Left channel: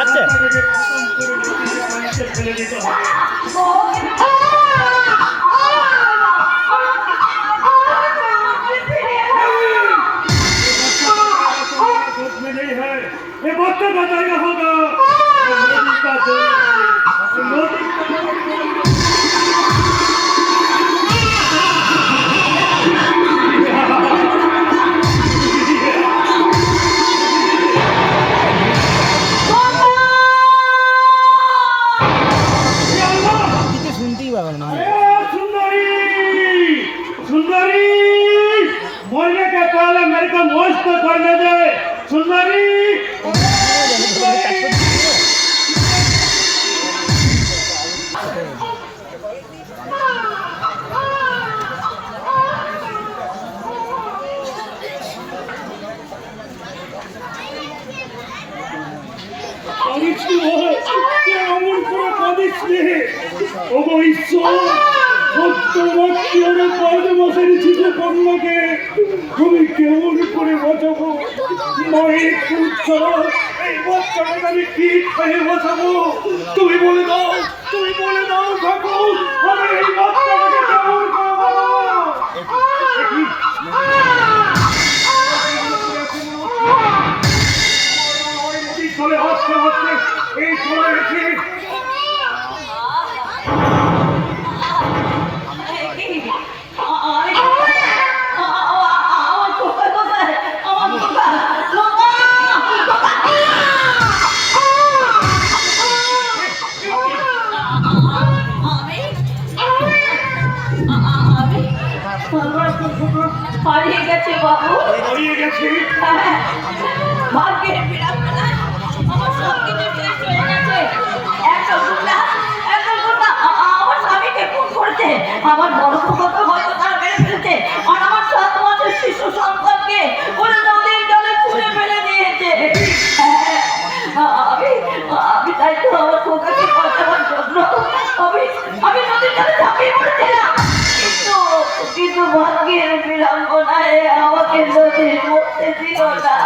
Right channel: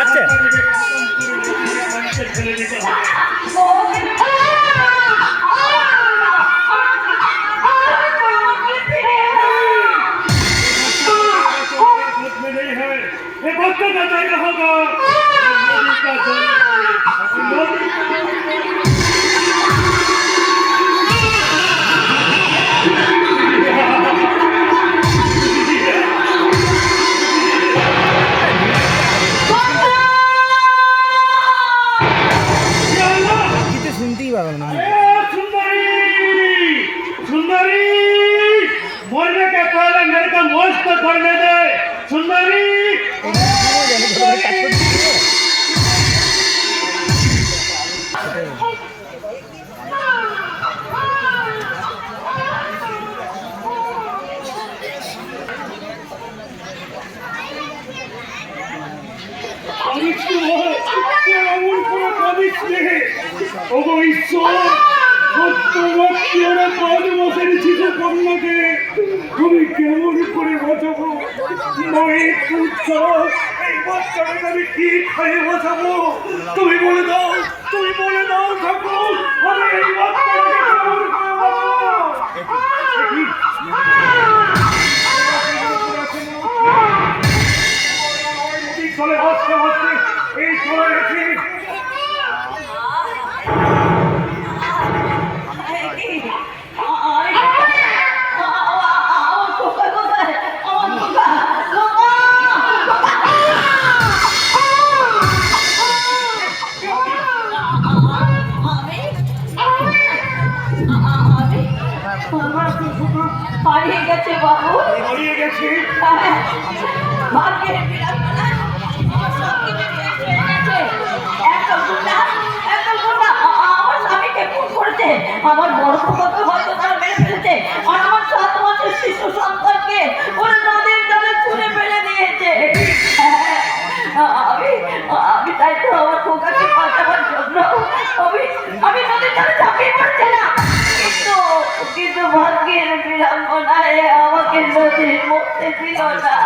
আচ্ছা ये वक्त बताना होगा मोदी का শুনতেই পাবেন না তুমি কেমন করে বাঁচাবো মায়ের পুত্র এই বাচ্চাটাকে আমি কি খেয়ে বাঁচাবো তুমি বলে দাও ঠাকুর আমি এই বাচ্চাটাকে কেমন খাবো চলে হচ্ছে এই চলে গেছি হারিয়ে গেছে বাবু, হারিয়ে গেছি ভাগ্যের বিড়ম্বনা আমার সব কিছু শেষ হয়ে গেছে। এখন আমার স্বামীকে খুন করেছে, আমার বড় কত হয়তো তারা মেরে ফেলেছে, আর আমার 7 মাসের শিশু সন্তানকে ওরা নদীর জলে ছুঁড়ে ফেলে দিয়েছে। আমি তাই তো আমার খোকাকে বাঁচাবার জন্য আমি নদীর জলে ঝাঁপিয়ে পড়েছিলাম, কিন্তু ভাগ্যের বিড়ম্বনায় আমাকে নদীর মধ্যে দিল না।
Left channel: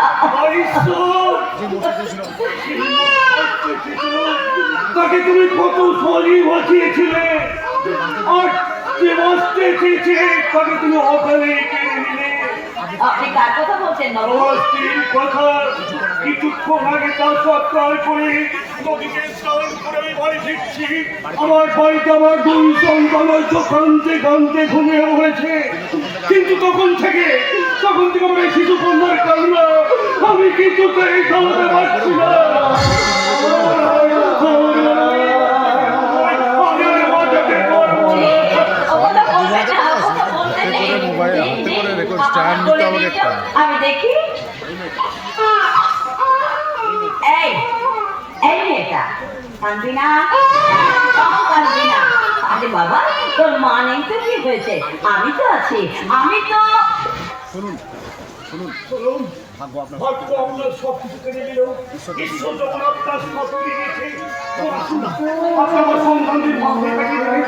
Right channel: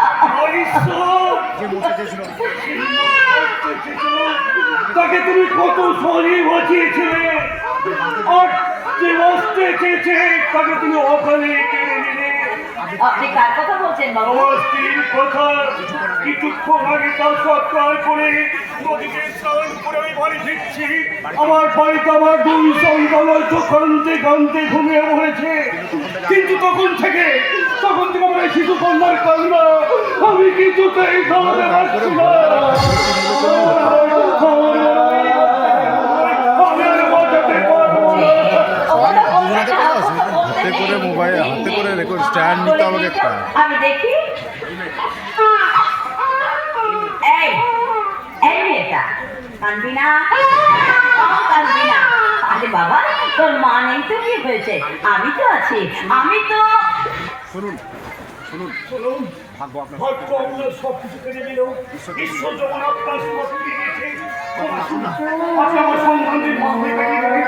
তাকে তুমি কত সরি বাঁচিয়েছিলে আর যে বাঁচতে চেয়েছে তাকে তুমি অকালে কেড়ে নিলে। আপনি কার কথা বলছেন বাবু? আমার স্ত্রীর কথা কিছুক্ষণ আগে তার সৎকার করে নদীতে স্নান করে আমি বাড়ি ফিরছি। আমার বাড়িতে আমার 2 সন্তানের কাঁদতে কাঁদতে ঘুমিয়ে রয়েছে, কিন্তু তখন থেকে আমার শিশু কন্যার কান্না আমি কিছুতেই থামাতে পারছি না। হাতে করে মোবাইল হাতে করে রেকর্ড স্ট্যান্ড নিতে হবে একটা। আমি দেখি এই এটা কাঁদবি না, কাঁদবি না। আরে বাবা তোর মা নেই তো কি হয়েছে, আমি তো আছি, আমি তো। শুনুন ভাগ্য আপনার সব কিছু কেড়ে নিল, ঈশ্বর যখন আপনার সব ফিরে গেছে আপনার সন্তানদের মাথায় পেয়ে দেবে।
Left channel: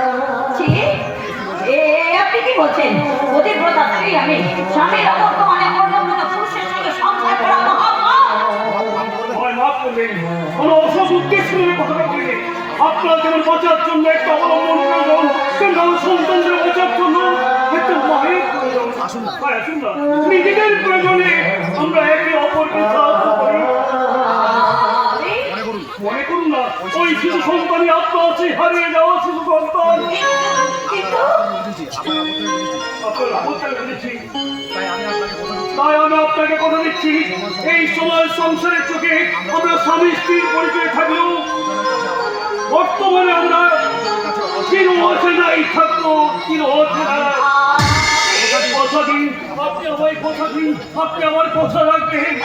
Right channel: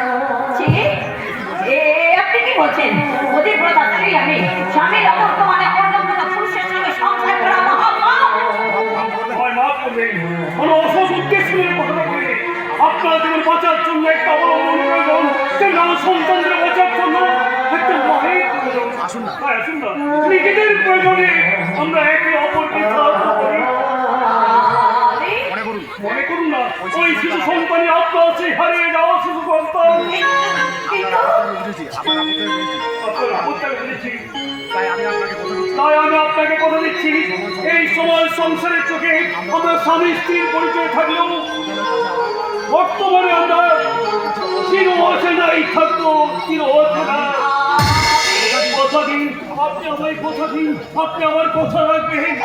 আপনি কি বলছেন? অধিব্রতা স্ত্রী আমি, স্বামীর অবর্তমানে পরলোকিত পুরুষের সঙ্গে সংসার করা কোনো অসৎ উদ্দেশ্য নিয়ে কথা বলে আপনার যেমন বাঁচার জন্য একটা অবলম্বন প্রয়োজন, তেমন সন্তানদের বাঁচার জন্য একটা মায়ের প্রয়োজন। আসুন না, নিজেদের প্রয়োজনে আমরা একে অপরকে সাহায্য করি। মনে করুন না ওই শিশু সন্তানই আপনার সেই হারিয়ে যাওয়া শিশু সন্তান। তাই আমি আপনাকে কথা দিচ্ছি, এই সময় সংসারের চোখে আমরা স্বামী স্ত্রীর পরিচয় থাকলেও বর্তমানে আমরা চির অচেনাই থাকবো, চির অচেনা। কথা দিন, আপনি আমায় কথা দিন, আপনি আমার কথা রাখবেন।